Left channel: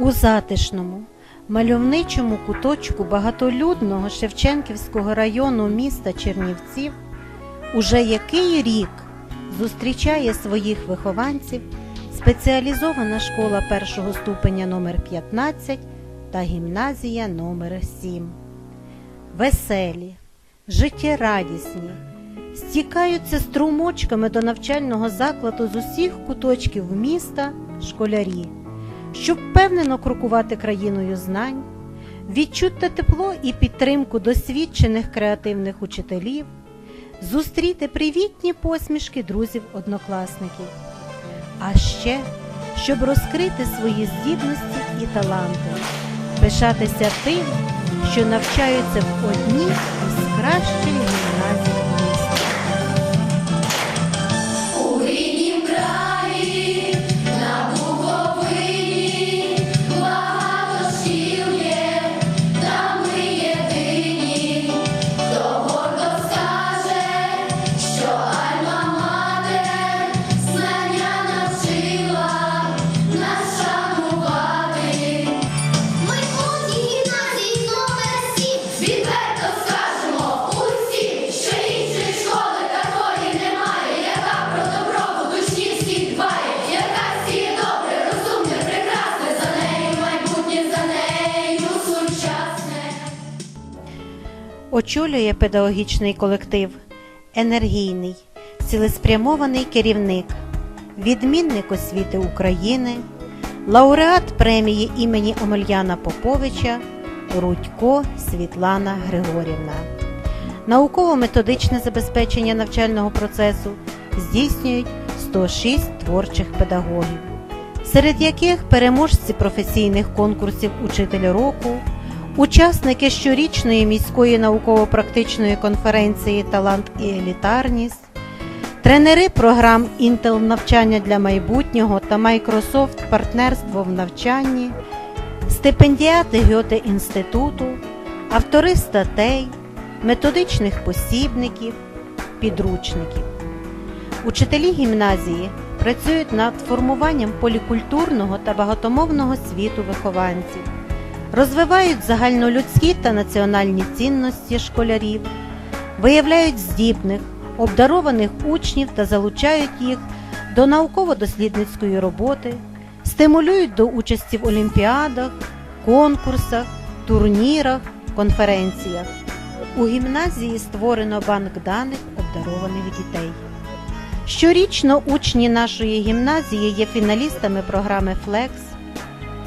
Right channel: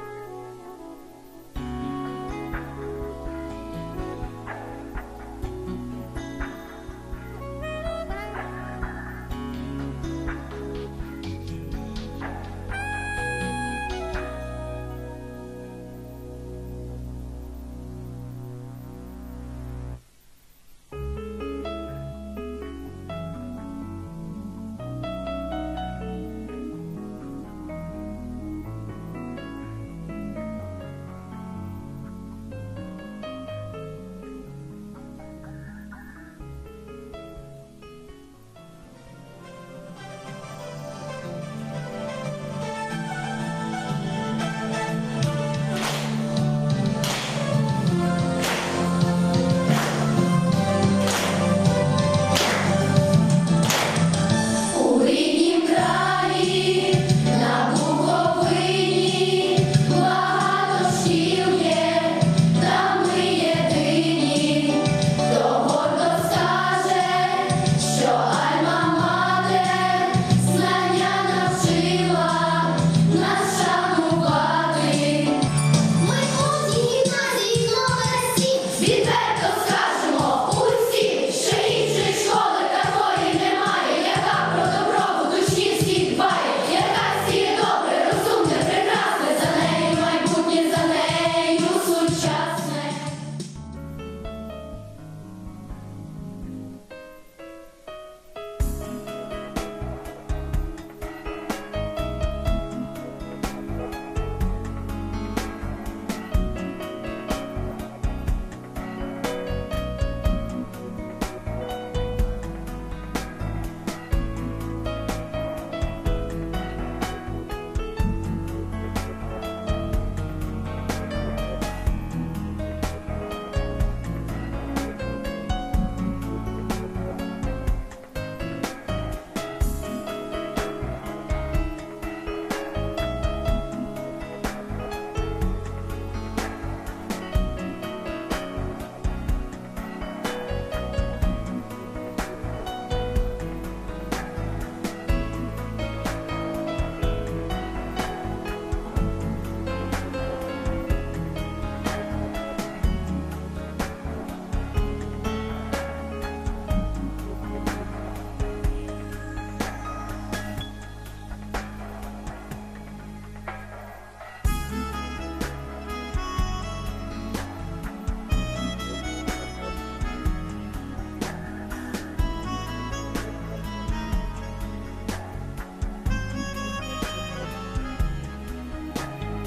У затишному, мальовничому куточку багатолюдного Шевченківського району міста Чернівців уже який рік зустрічає своїх вихованців спеціалізована школа першого ступеня номер 15 та гімназія номер 7. Веселі, життєрадісні, стікаються струмочками до навчального закладу з усіх куточків міста школярі, щоб впевнено крокувати країною знань, відчути тепло і підтримку досвідчених креативних учителів, зустріти привітні посмішки друзів-однокласників, а ще щоб розкрити свої здібності і таланти, пишатися тим, що навчаються в одній з кращих Очолює педагогічний колектив, енергійний, цілеспрямований керівник, відмінник освіти України, лауреат премії імені Омельяна Поповича Рудько Світлана Григорівна. Науково-методичне забезпечення навчального процесу здійснюють 106 творчих педагогів, серед яких переможці професійних конкурсів Учитель року, учасники щорічної міської науково-практичної конференції Талант і елітарність, тренери програм Intel навчання для майбутнього та Microsoft партнерство в навчанні, стипендіати Гьоте інституту, автори статей, методичних посібників, підручників. Учителі гімназії працюють над формуванням полікультурного та багатомовного світу вихованців, розвивають загальнолюдські та національні цінності школярів, виявляють здібних, обдарованих учнів та залучають їх до науково-дослідницької роботи, стимулюють до участі в олімпіадах, конкурсах, турнірах, конференціях. У гімназії створено банк даних обдарованих дітей. Щорічно учні нашої гімназії є фіналістами програми Флекс.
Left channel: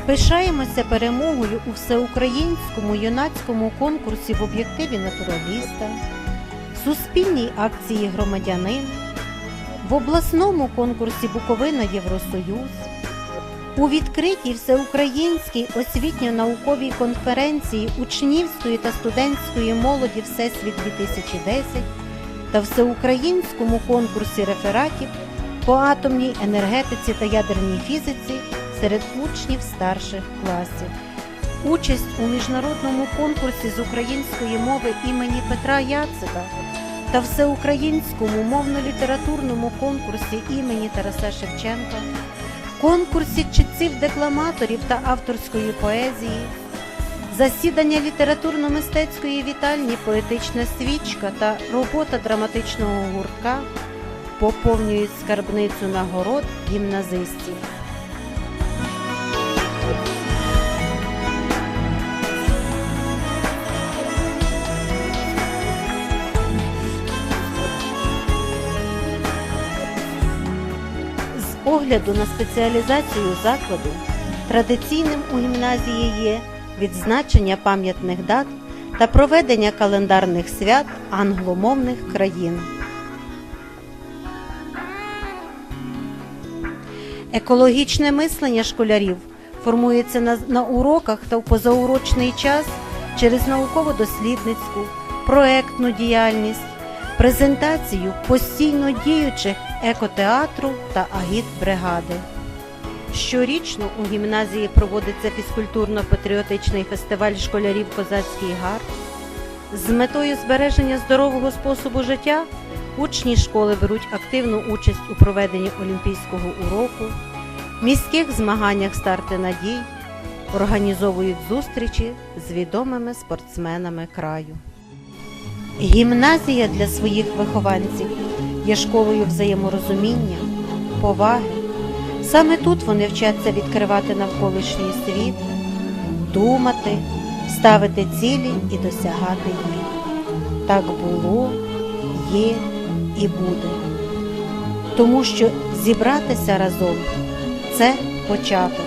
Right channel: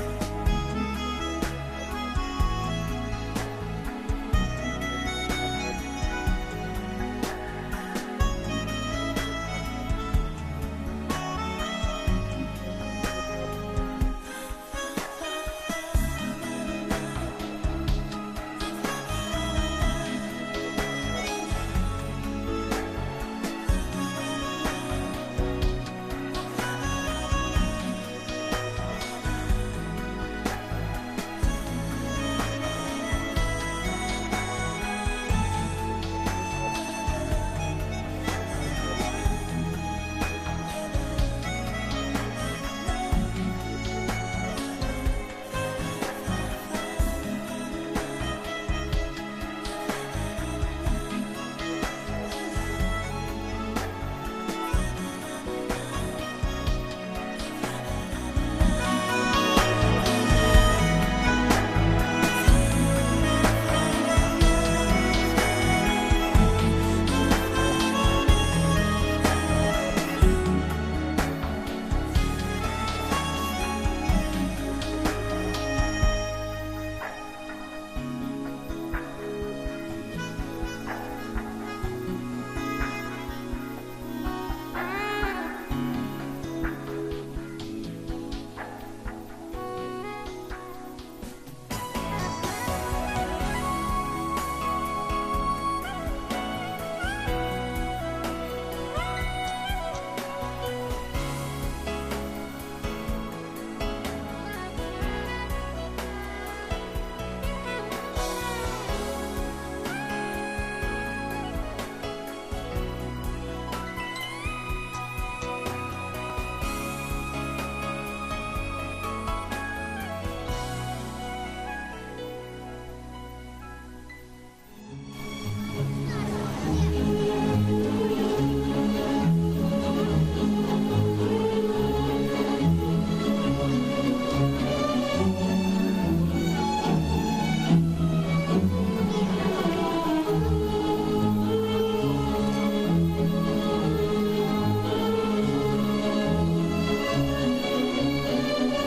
Пишаємося перемогою у всеукраїнському юнацькому конкурсі в об'єктиві натураліста, суспільній акції Громадянин, в обласному конкурсі Буковина Євросоюз, у відкритій всеукраїнській освітньо-науковій конференції учнівської та студентської молоді Всесвіт 2010 та всеукраїнському конкурсі рефератів по атомній енергетиці та ядерній фізиці серед учнів старших класів. Участь у міжнародному конкурсі з української мови імені Петра Яцика та всеукраїнському мовно-літературному конкурсі імені Тараса Шевченка, конкурсі читців декламаторів та авторської поезії, засідання літературно-мистецької вітальні Поетична свічка та робота драматичного гуртка поповнюють скарбницю нагород гімназистів. Огляду на спеціалізацію закладу традиційним у гімназії є відзначення пам'ятних дат та проведення календарних свят англомовних країн. Екологічне мислення школярів формується на, на уроках та в позаурочний час через науково-дослідницьку, проектну діяльність, презентацію постійно діючих екотеатру та агітбригади. Щорічно у гімназії проводиться фізкультурно-патріотичний фестиваль школярів Козацький гар. З метою збереження здорового способу життя учні школи беруть активну участь у проведенні олімпійського уроку, міських змаганнях старти надій, організовують зустрічі з відомими спортсменами краю. Гімназія для своїх вихованців є школою взаєморозуміння, поваги. Саме тут вони вчаться відкривати навколишній світ, думати, ставити цілі і досягати їх. Так було, є і буде. Тому що зібратися разом це початок,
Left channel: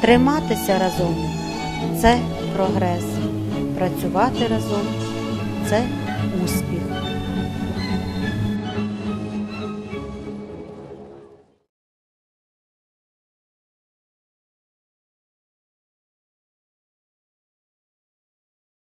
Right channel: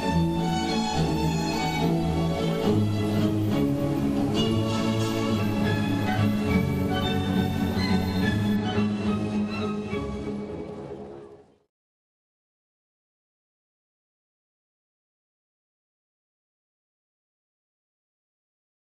триматися разом це прогрес, працювати разом це.